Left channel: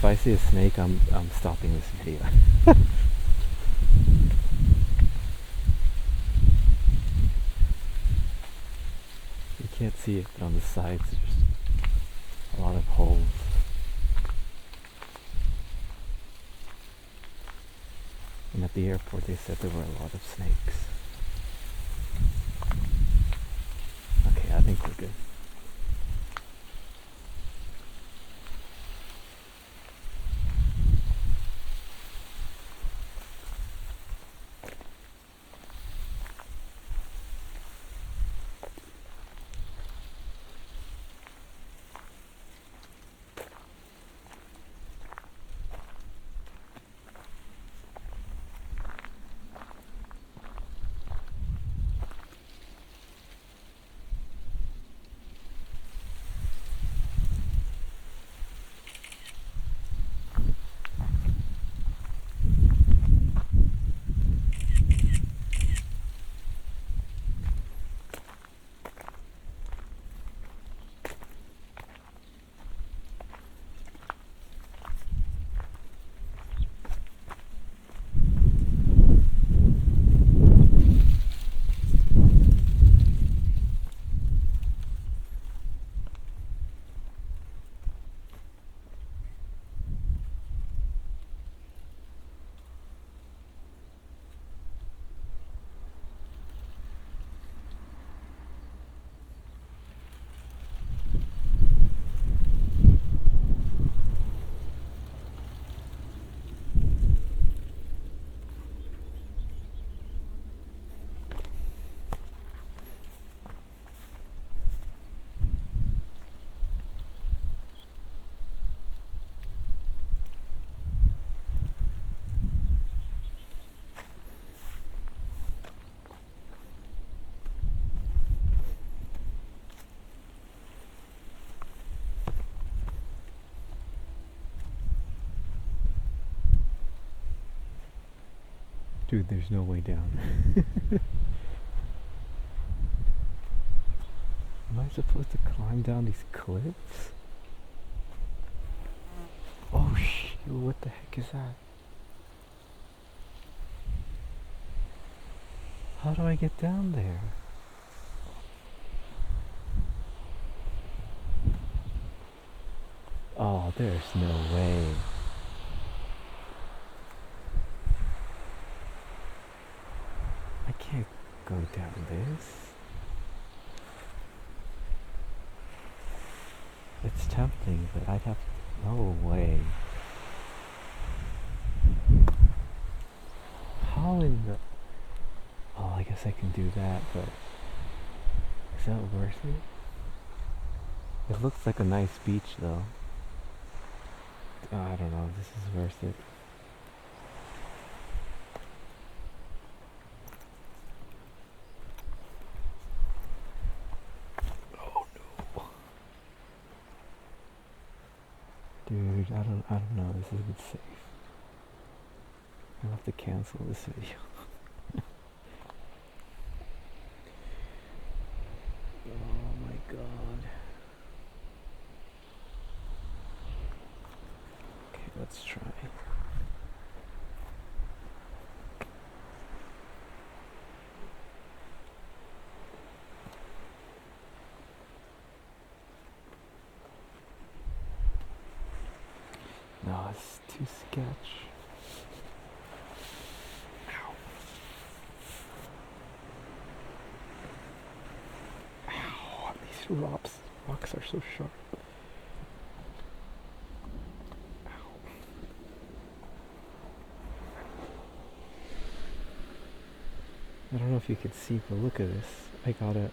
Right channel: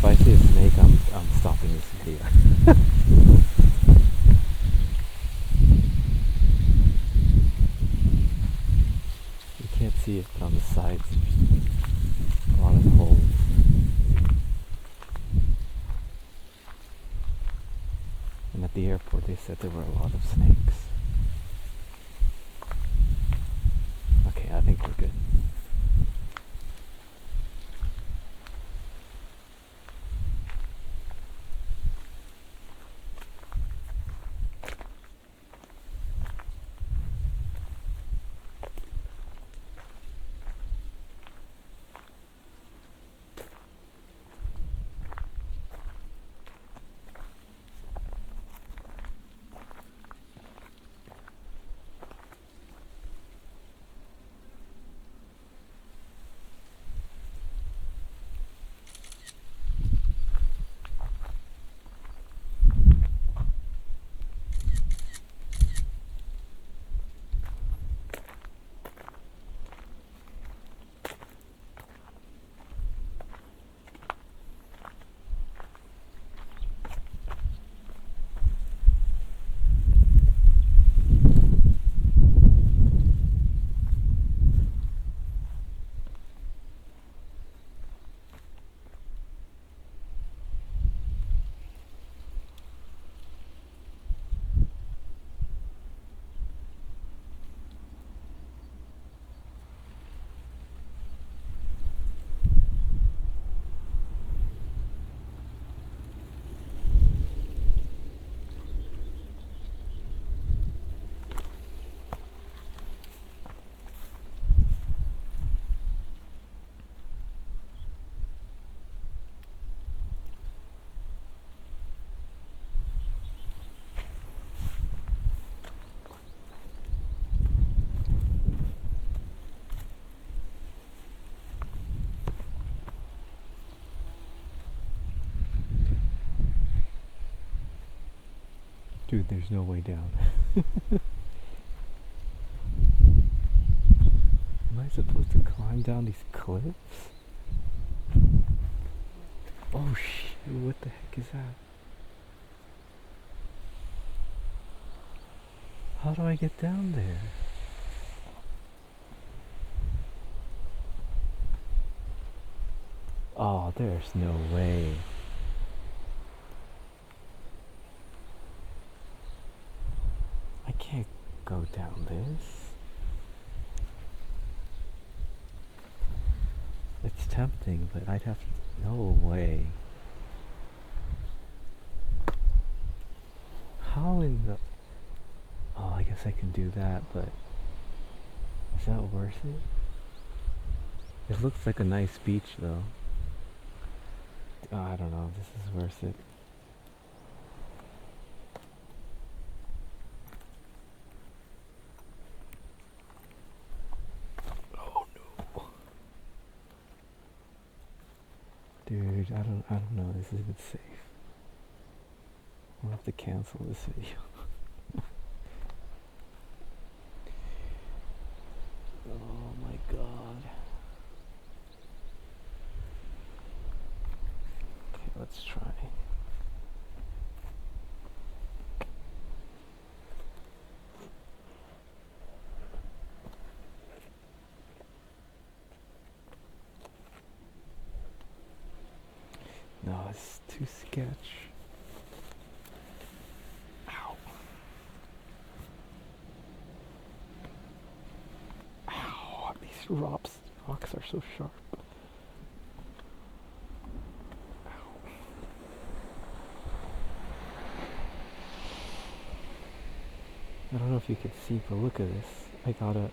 If I see a snake, I'm stopping this video. You can't see it, but on the sides there's a lot of holes. And at the airport they said there were a lot of snakes. Okay, I think we're good. Dude, there's no way down. Am I supposed to climb down these cliffs? Oh shit, what the heck is that? How do I get down there? Oh, there's no way. I can't go down this. It's tempting, but I'd have to... No way. How in the... Oh, I guess I can do that, but... Is that worth it? It looks like a nice beach, though. I don't know if this is worth it. Dude, I don't know. This isn't safe. I'll have to cancel this video. Oh my god. Okay, let's try. No, it's too sketch. Ow. Ow, these rocks are so sharp. Ow. I don't know if you can see, but look at this. I gotta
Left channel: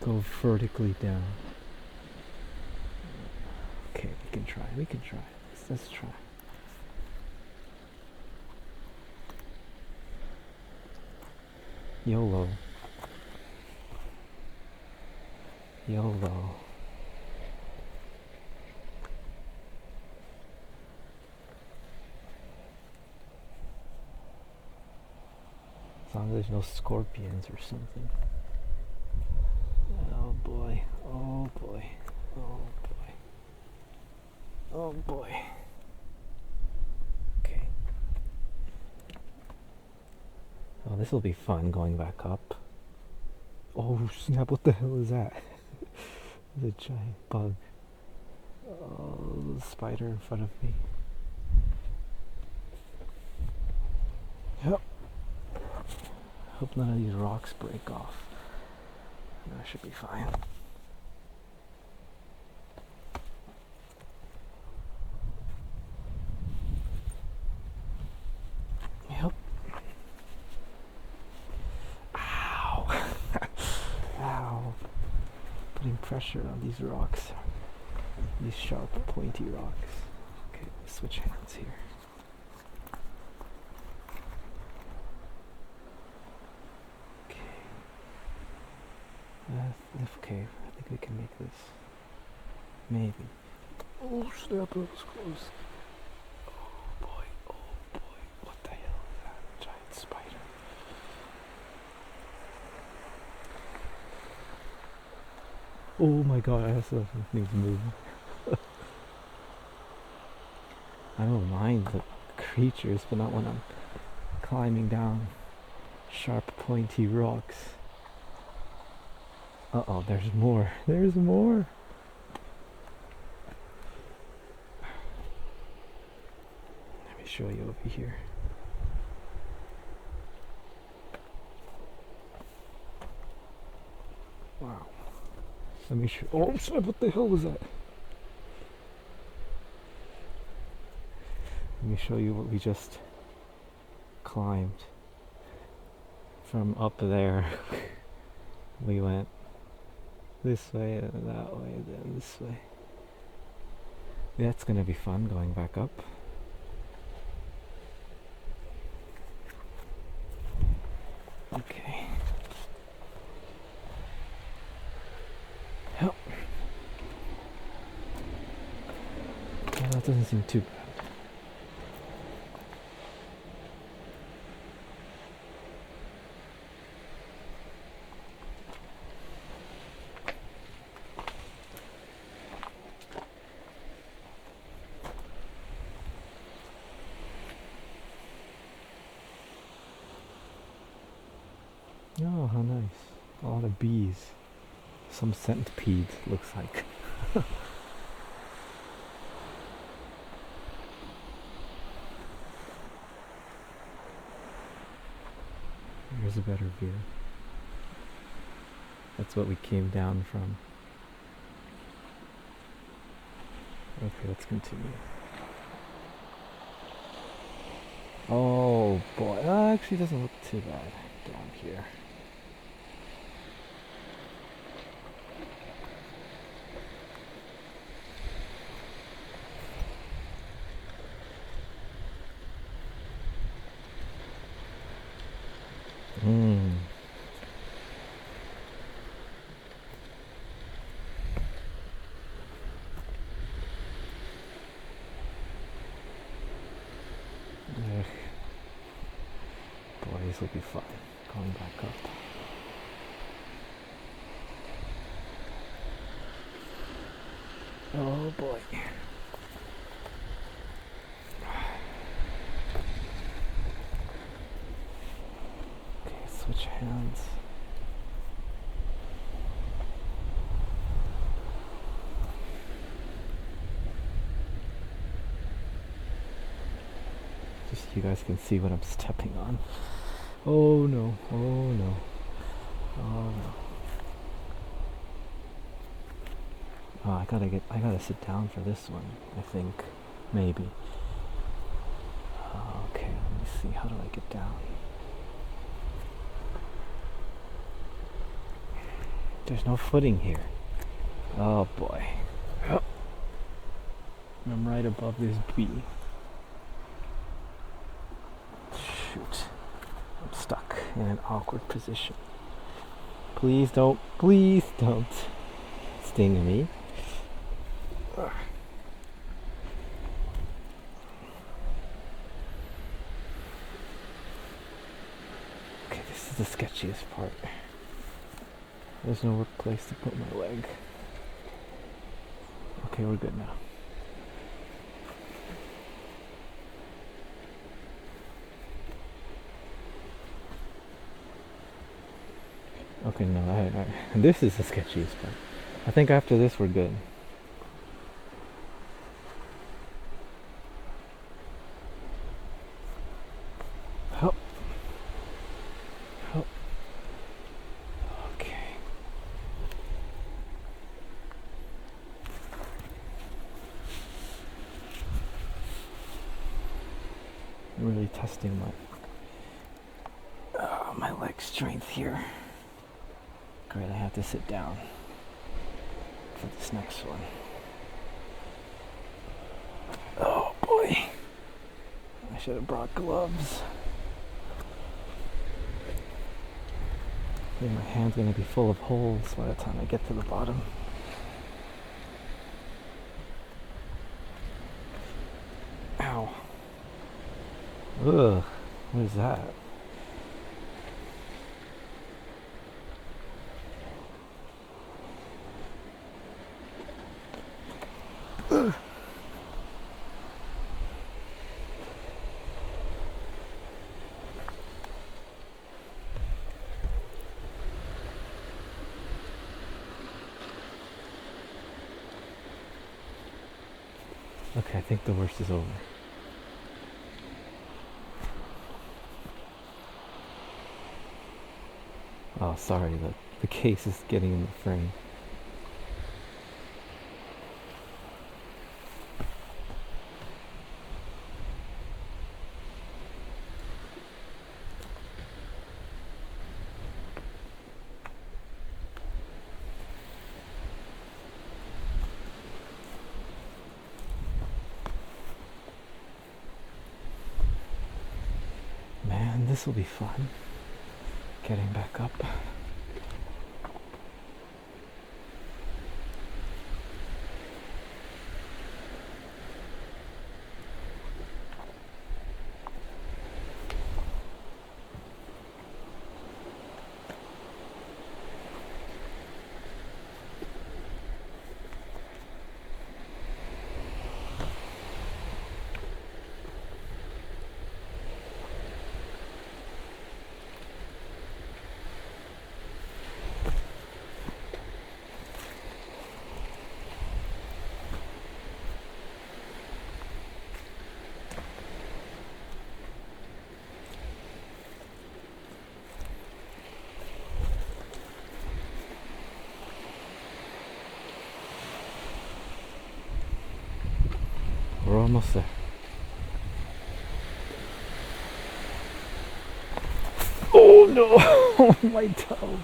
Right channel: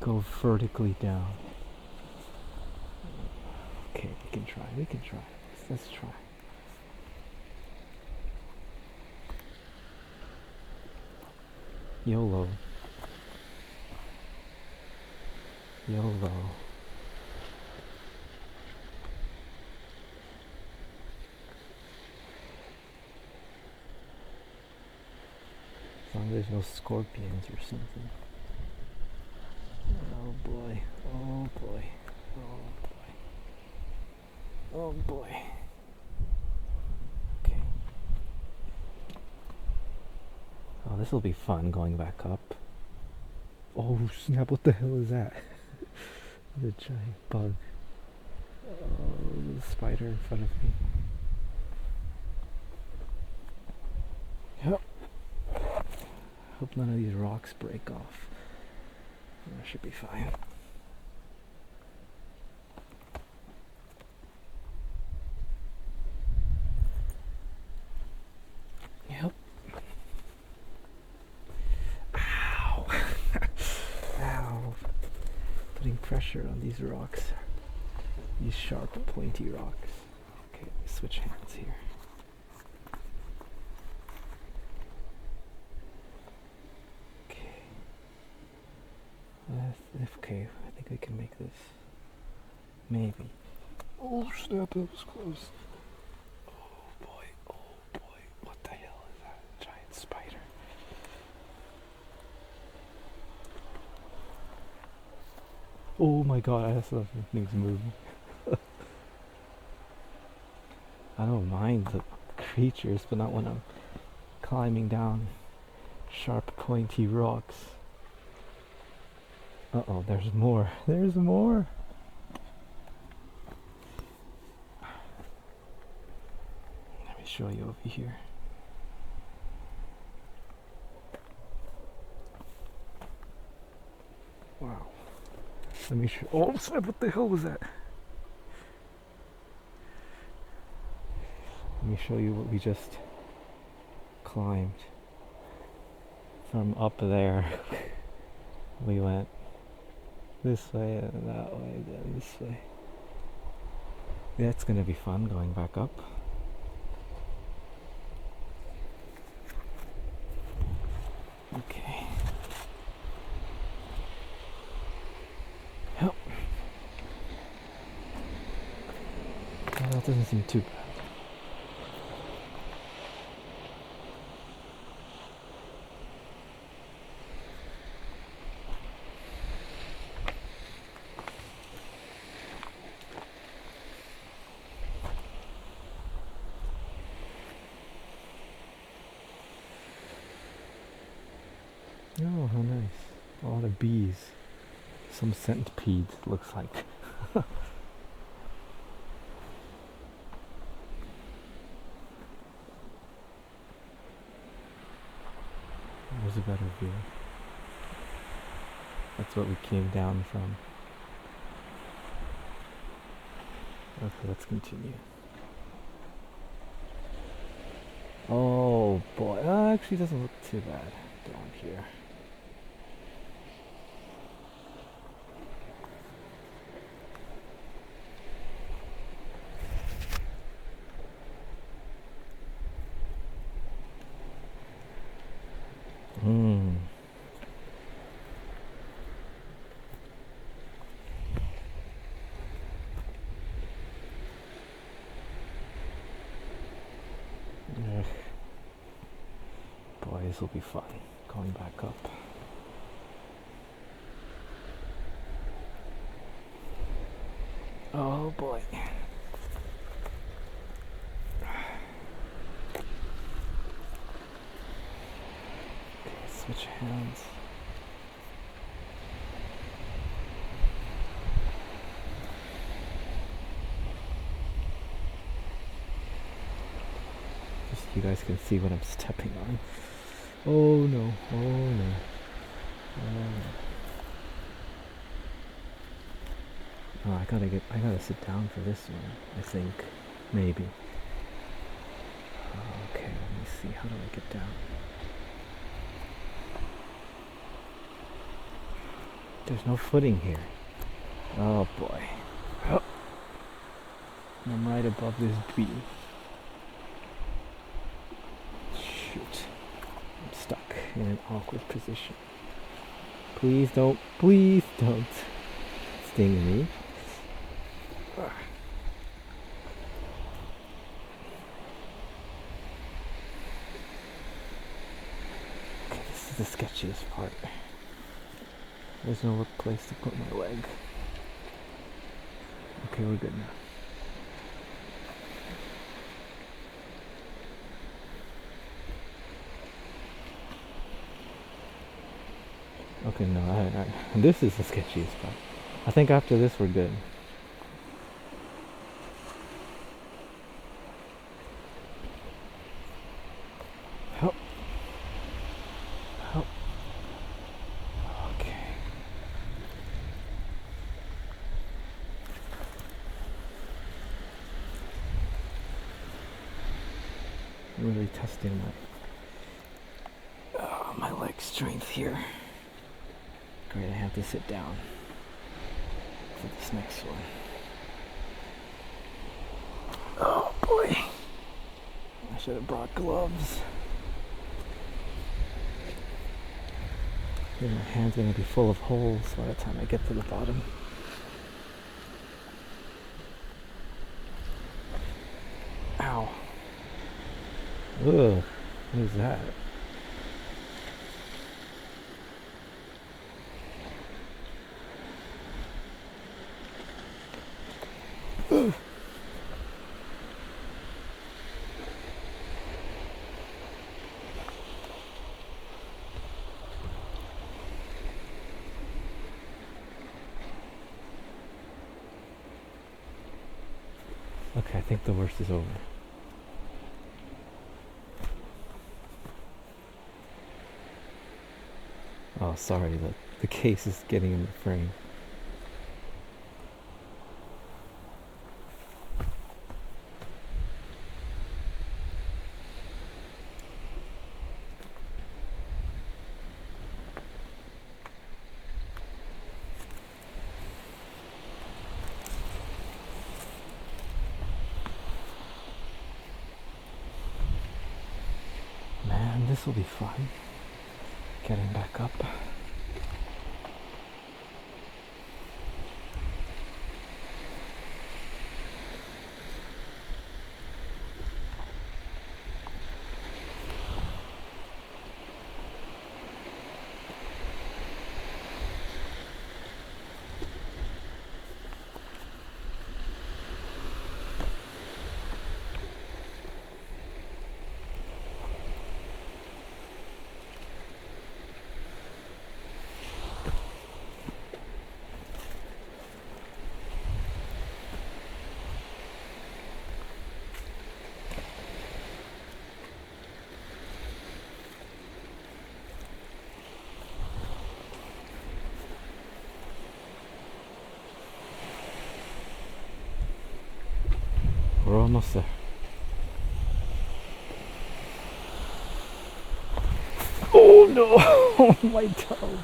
go vertically down. Okay, we can try. Let's try. YOLO. YOLO. As long as there's no scorpions or something. Oh boy. Oh boy. Oh boy. Oh boy. Okay. Oh, this will be fun going back up. Oh snap, what the hell is that? The giant bug. Oh, the spider in front of me. Yep. Hope none of these rocks break off. That should be fine. Yep. Ow! Ow! Putting pressure on these rocks. These sharp, pointy rocks. Okay, let me switch hands here. Okay, I think we can make this. Maybe. Oh snap, that was close. Oh boy, what the hell is that? Giant spider. Oh my god, I saw things moving. I don't mind the creatures, but not when I'm climbing down sharp, pointy rocks. Uh-oh, there's more. There's more. Let me show you over here. Wow. Let me show. Oh, snap, what the hell was that? Let me show you what we just climbed. From up there, we went this way and that way, then this way. That's gonna be fun going back up. Okay. Yep. Well, that doesn't seem too bad. Oh, how nice. A lot of bees. Some centipede, looks like. Here's a better view. That's what we came down from. Okay, let's continue. Oh boy, actually doesn't look too bad down here. Boy, this will be fun, going back up. Oh boy. Okay, switch hands. Just so you guys can see what I'm stepping on. Oh no, oh no, oh no. Oh, I gotta sit down for this one, I think. Maybe. Okay, let me see, how do I get down? There's no footing here. Oh boy. Oh. I'm right above this bee. Shoot. I'm stuck in an awkward position. Please don't sting me. Okay, this is the sketchiest part. There's no place to put my leg. Okay, we're good now. Okay, no, this is the sketchiest part. I think after this we're good. Oh. Oh. Okay. Really testing my leg strength here. Great, I have to sit down for this next one. Oh boy. I should have brought gloves. I think my hand's gonna be full of holes by the time I get to the bottom. Ow. Ugh, what is that? Ugh. Okay, I think the worst is over. Oh, sorry, the case is getting in the frame. Man, this will be fun. Getting back up. We're almost there. Oh no! Oh, my toe!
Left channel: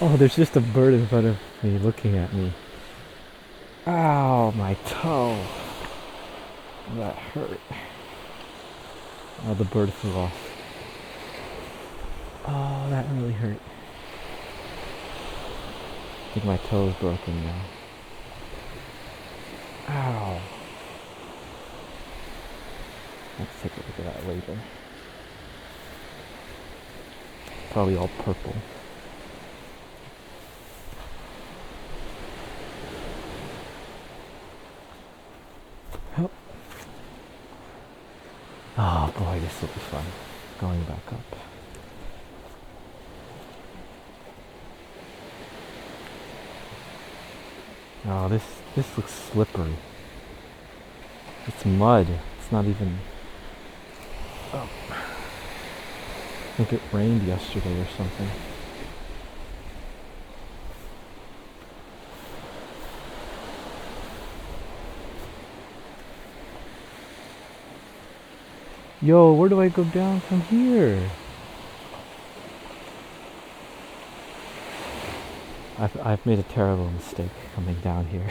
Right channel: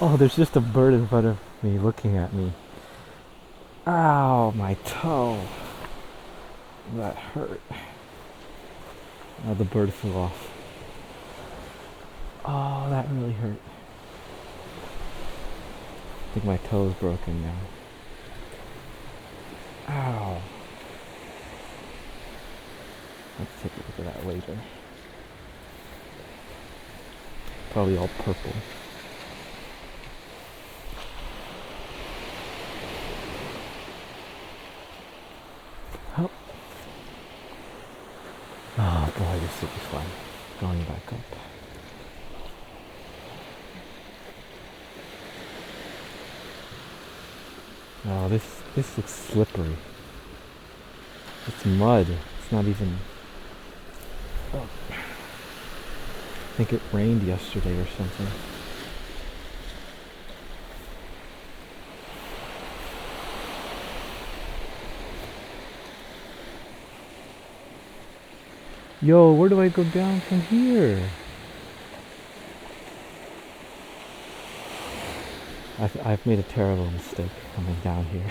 Oh, there's just a bird in front of me looking at me. Ow, my toe. That hurt. Oh, the bird flew off. Oh, that really hurt. I think my toe is broken now. Ow. Let's take a look at that later. Probably all purple. Oh. Oh boy, this will be fun. Going back up. Oh, this looks slippery. It's mud. It's not even... Oh. I think it rained yesterday or something. Yo, where do I go down from here? I've made a terrible mistake coming down here.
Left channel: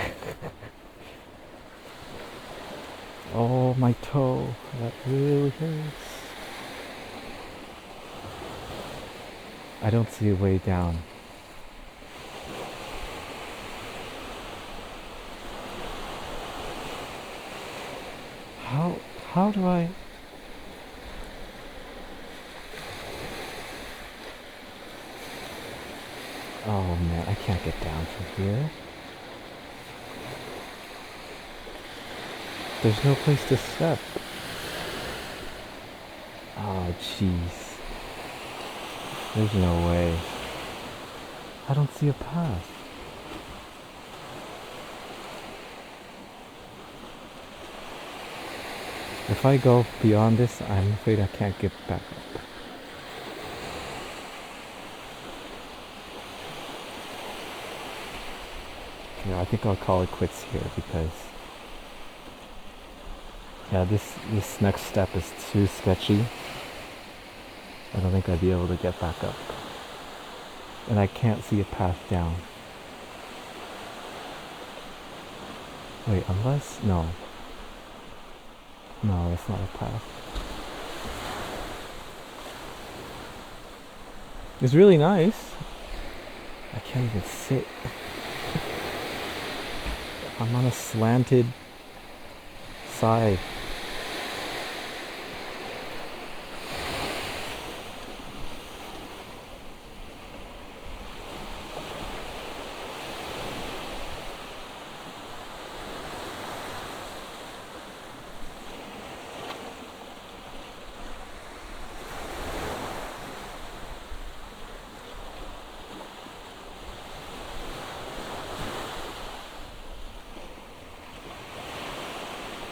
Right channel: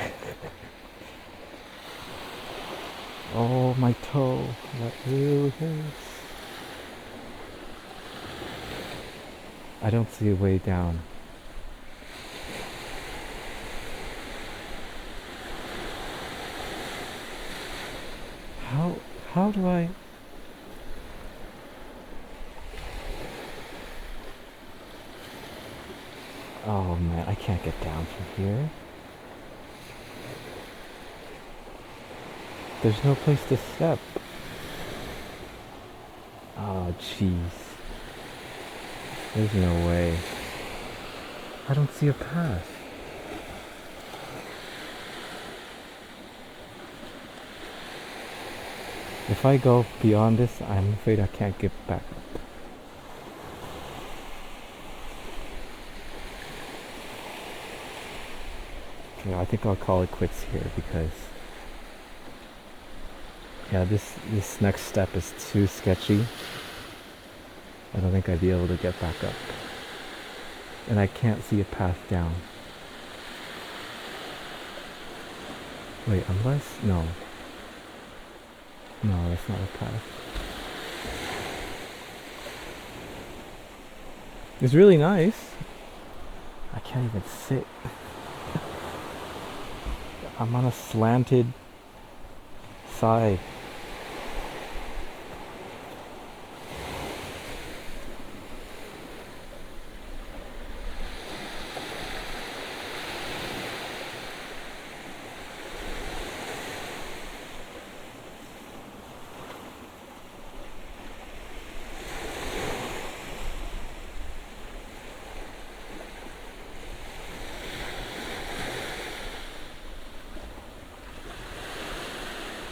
Oh, my toe. That really hurts. I don't see a way down. How do I... Oh man, I can't get down from here. There's no place to step. Oh jeez. There's no way. I don't see a path. If I go beyond this, I'm afraid I can't get back up. Okay, I think I'll call it quits here because yeah, this next step is too sketchy. I don't think I'd be able to get back up. And I can't see a path down. Wait, unless... No. No, that's not a path. It's really nice. I can't even sit. I'm on a slanted side.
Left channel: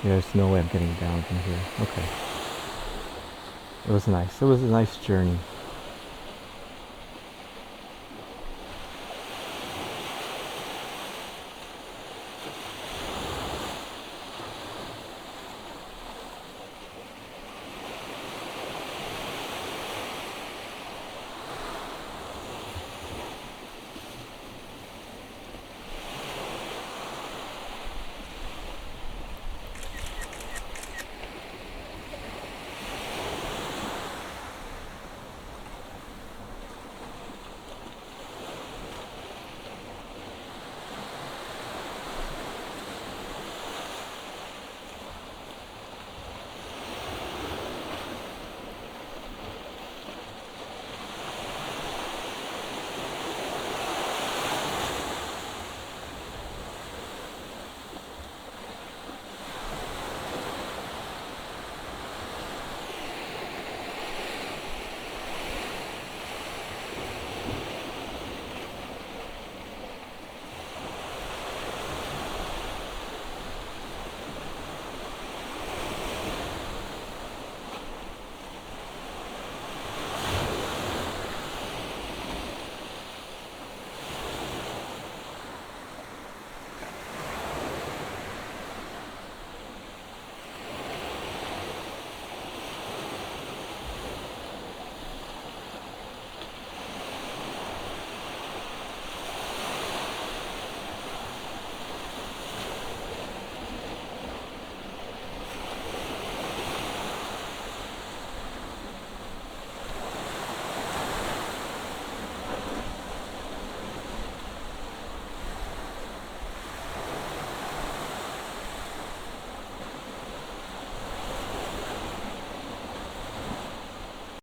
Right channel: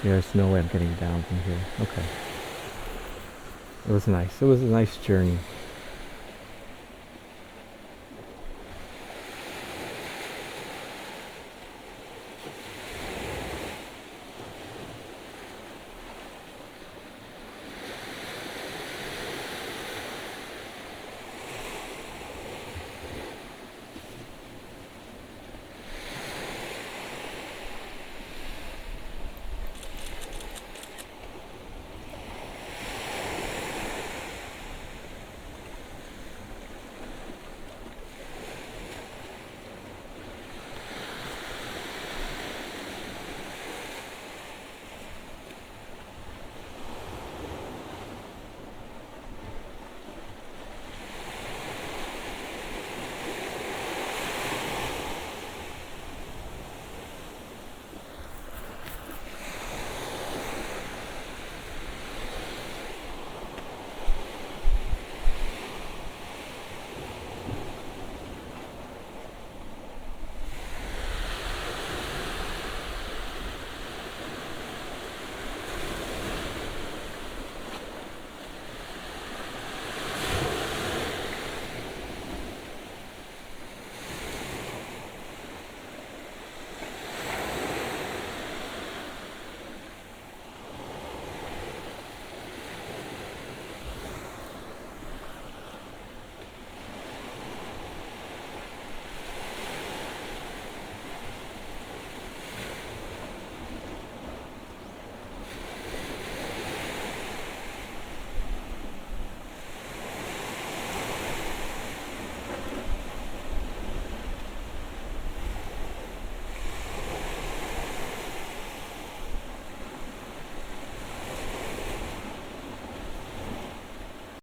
There's no way I'm getting down from here. Okay. It was nice. It was a nice journey.